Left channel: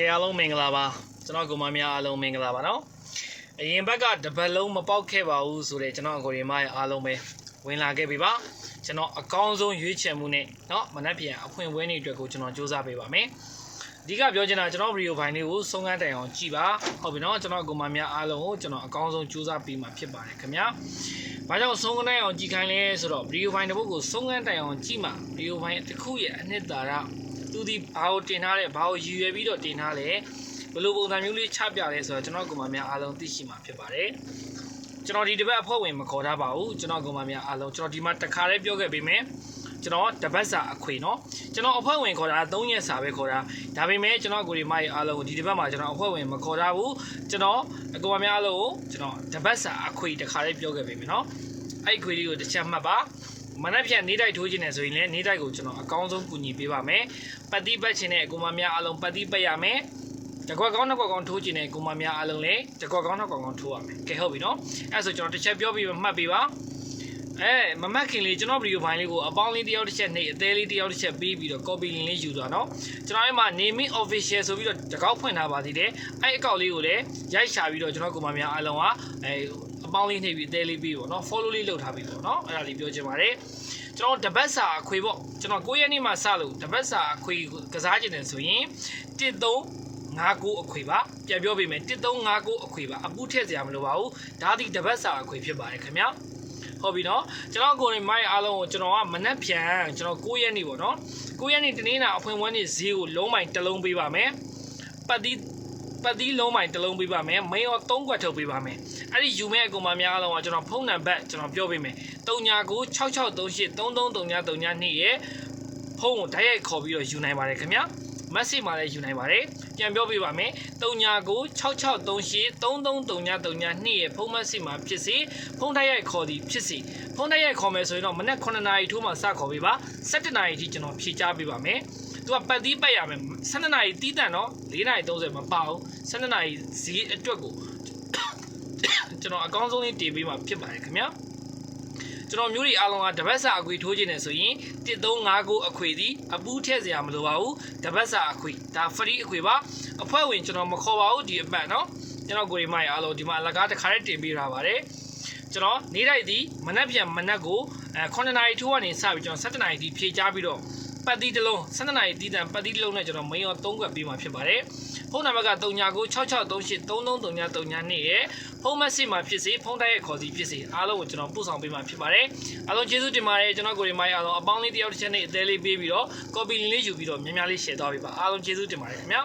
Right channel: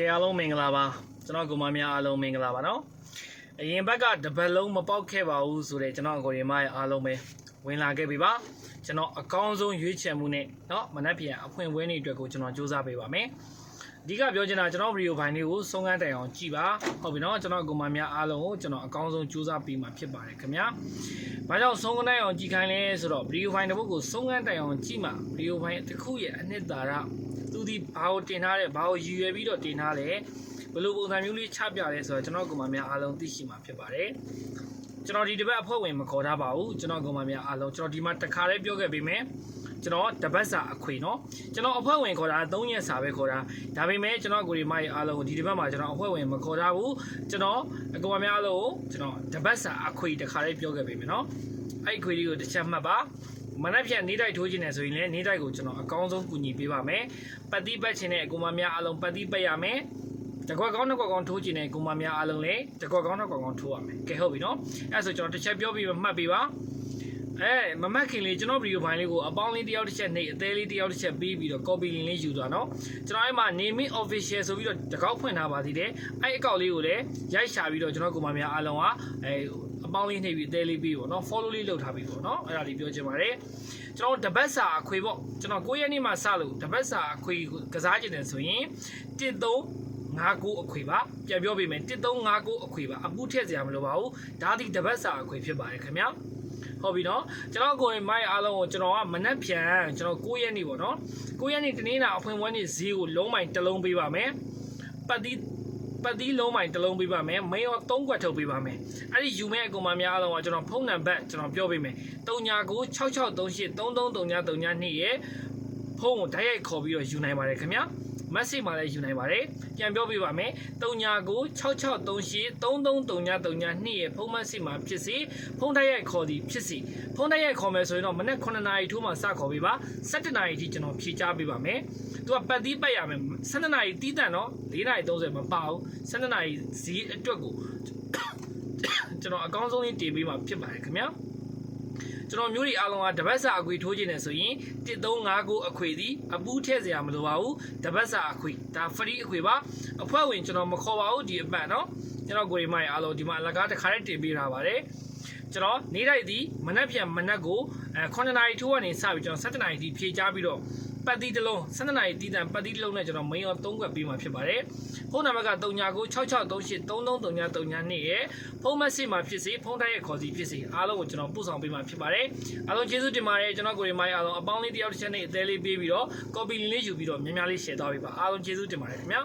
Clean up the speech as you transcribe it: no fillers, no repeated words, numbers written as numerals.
ကဲအားလုံးမင်္ဂလာပါကျွန်တော်ကိုမများအားလုံးမင်္ဂလာပါနော်အရင်ဘက်ကတပတ်လုံးမပေါက်ခဲ့ပါဘူးဆိုတဲ့ကျွန်တော်ကိုရီမရဲ့အားလုံးပဲဝင်လာခဲ့ပြီပါကျွန်တော်အကောင်းဆုံးရွေးချယ်မှုနဲ့เนาะမနက်ဖြန်အဖွင့်ပွဲနေ့အတွက်ကိုကျွန်တော်စူးစမ်းပေးပါမယ်အဓိကပြောချင်တာကျွန်တော်ဗီဒီယိုဖိုင်လေးကိုဆုံးခန်းတိုင်အောင်ကြည့်ပါဟုတ်ပြီเนาะကျွန်တော်ကိုမများအားလုံးကိုကျွန်တော်အကောင်းဆုံးစူးစမ်းပေးမှာဖြစ်ပါတယ်ခင်ဗျာဘာကြောင့်ဆုံးခန်းတိုင်အောင်ကြည့်ခိုင်းလဲဆိုတော့ဗီဒီယိုဖိုင်တစ်ပုဒ်ကိုဆုံးခန်းတိုင်အောင်ကြည့်မှဗီဒီယိုဖိုင်တစ်ခုရဲ့အနှစ်သာရသူဒီဘာကိုတင်ထားလဲဘာကိုရည်ရွယ်ပြီးတော့တင်ထားလဲဘယ်လိုပုံစံမျိုးလေးချပြလဲဆိုတော့ကျွန်တော်ကမှများအားလုံးသိရှိမှာဖြစ်ပါတယ်ကျွန်တော်ဒီတစ်ပတ်အဖွဲ့ဝင်မခေါ်ထားပါဘူးကျွန်တော်ကမှများအားလုံးကျွန်တော်ဒီမှာတစ်ခါလေးပြောခဲ့ပေးမယ်ကျွန်တော်တပတ်စာအခွေเนาะကျွန်တော်အဖွဲ့ဝင်ခေါ်တာ3ရက်စာပဲခေါ်တာဒါပေမဲ့ကျွန်တော်ကိုဒီမရဲ့အားလုံးကိုဒီတစ်ပတ်မှာကျွန်တော်အဖွဲ့ဝင်မခေါ်ထားဘူးကျွန်တော်အကောင်များအားလုံးကိုကျွန်တော်တပတ်စာအခွေတစ်ခါလေးပြောခဲ့ပေးမယ်เนาะအဲ့အခွေလေးကိုတစ်ချက်မှတ်ပါမနက်ဖြန်နေတိုက်ထိုးခြင်းနဲ့ဆိုရင်လည်းနေတိုက်ကိုကျွန်တော်အကောင်းဆုံးကူညီပေးပါမယ်ပတ်တိပတ်ခြင်းနဲ့အကောင်များအားလုံးပတ်တိပတ်ရမယ်တကွက်ကောင်းနှစ်ကွက်ကောင်းထိုးခြင်းနဲ့ကိုမများအားလုံးလည်းတကွက်ကောင်းနှစ်ကွက်ကောင်းထိုးရမယ်ကဲဟုတ်ပြီနော်အဲ့ဆိုကျွန်တော်တစ်ချက်ပြောပြီးမှတ်ပေးပါမမှတ်ခင်လေးကျွန်တော်ဗီဒီယိုဖိုင်လေးကိုအပေါင်းလေးတစ်ယောက်တစ်ချက်နှိပ်အသေးလေးတစ်ယောက်တစ်ချက်ပြီးတော့ copy link လေးယူသွားနော်ကျွန်တော်အဲ့မှာ naming official ဆိုပြီးတော့တကောက်ဖွင့်ထားပါသေးတယ်အဲ့အကောက်လေးကိုလည်းရိုက်ရှာပြီးတော့ကျွန်တော်ကိုမများအားလုံးကအပေါင်းလေးနှိပ်ပြီးအသေးလေးပြီးပေါ့နော် follow လေးလုပ်ထားပြီးပေါ့နော်အဲ့ဒါလေးပြောချင်ပါတယ်ကျွန်တော်တပတ်စာအခွေပေါ့ကျွန်တော်9ရက်နေ့မှစလို့တပတ်စာအခွေကစားခြင်းတယ်ဆိုရင်1359အခွေပါပြန်ပြောပေးမယ်1359အခွေပါအပူထည့်စရာမလိုပါဘူးဒါဒီတပတ်စာအခွေဖြစ်ပါတယ်ခင်ဗျာဟုတ်ပြီနော်ကျွန်တော်ကိုယ်မိုက်အားလုံးကိုကျွန်တော်ကမနက်ဖြန်ကျွန်တော်9ရက်နေ့ပေါ့နော်9ရက်နေ့တနေ့နာအဖွင့်ပွဲနေ့ဈေးကိုလုံးမိုင်တစ်လုံးပေးပါမယ်ပတ်သီးလုံးမိုင်တစ်လုံးပေးပါမယ်မင်းရော3ခွက်ထုတ်ပေးပါမယ်အဲ့ဒီယူမဲ့အကူမများအားလုံးကကျွန်တော်ဖုန်းနံပါတ်ကျွန်တော်ပြောပေးမယ်399663333932ရဲ့ဖုန်းကိုဓာတ်ရိုက်ခေါ်ပြီးတော့ယူနိုင်ပါတယ်ခင်ဗျာမက်ဆေ့မှာလည်းယူနိုင်ပါတယ်ပြန်ပြောပြပါမယ်399663333932ရဲ့ဖုန်းမက်ဆေ့မှာဖြစ်စေဖုန်းတိုက်ရိုက်ခေါ်သည်ဖြစ်စေဖုန်းတိုက်ရိုက်ခေါ်မယ်ဆိုရင်တော့မနက်9နာရီထိုးမှစခေါ်ပေးပါ17နာရီထိကျွန်တော်ဖြေချပေးပါမယ်သူကပတ်သီးပတ်ရမယ်12နာရီတီးတန့်တော့4နာရီ30မပါဘူး12နာရီဈေးအတွက်ကိုကျွန်တော်အကောင်းဆုံးလေးတင်ပေးမှာဖြစ်ပါတယ်ခင်ဗျာကျွန်တော်မျိုးတွေအားလုံးကတပတ်စာအခွေထိုးခြင်းနဲ့ဆိုရင်1359အခွေသည်အပူးထည့်စရာမလိုပါဘူးတပတ်စာအခွေဒါ free အခွေပါအဖွဲ့ဝင်ကျွန်တော်မခေါ်ပါဘူးဒီအပတ်เนาะကျွန်တော်ကိုရီမိုင်အားလုံးဒီမှာအလကားတစ်ခါတည်းတင်ပေးထားပါတယ်ကျွန်တော်နေတိုက်သည်မနက်ဖြန်မနက်ကို9နာရီထိုးကနေစပြီးကျွန်တော်17နာရီထိဖြည့်ချပြီးတော့ပတ်သီးတစ်လုံး17နာရီတီးတန်ပတ်သီးတစ်လုံးနဲ့ကျွန်တော်မင်းရော3ခွက်ပေးမှာဖြစ်ပါတယ်ဖုန်းနံပါတ်က399663333932ရဲ့ဖုန်းမက်ဆေ့မှာဖြစ်စေဖုန်းတိုက်ရိုက်ခေါ်စီဖြစ်စေအားလုံးကိုကျွန်တော်ပို့ဆောင်ပေးမှာဖြစ်ပါတယ်အားလုံးကျေးဇူးတင်ပါတယ်ကျွန်တော်ကိုရီမိုင်းအားလုံးအပေါင်းလေးတစ်ယောက်တစ်ချက်နဲ့အသေးလေးပေးပြီးတော့ copy link လေးယူပြီးတော့များများလေး share သွားပေးပါအားလုံးကျေးဇူးတင်ပါတယ်ခင်ဗျာ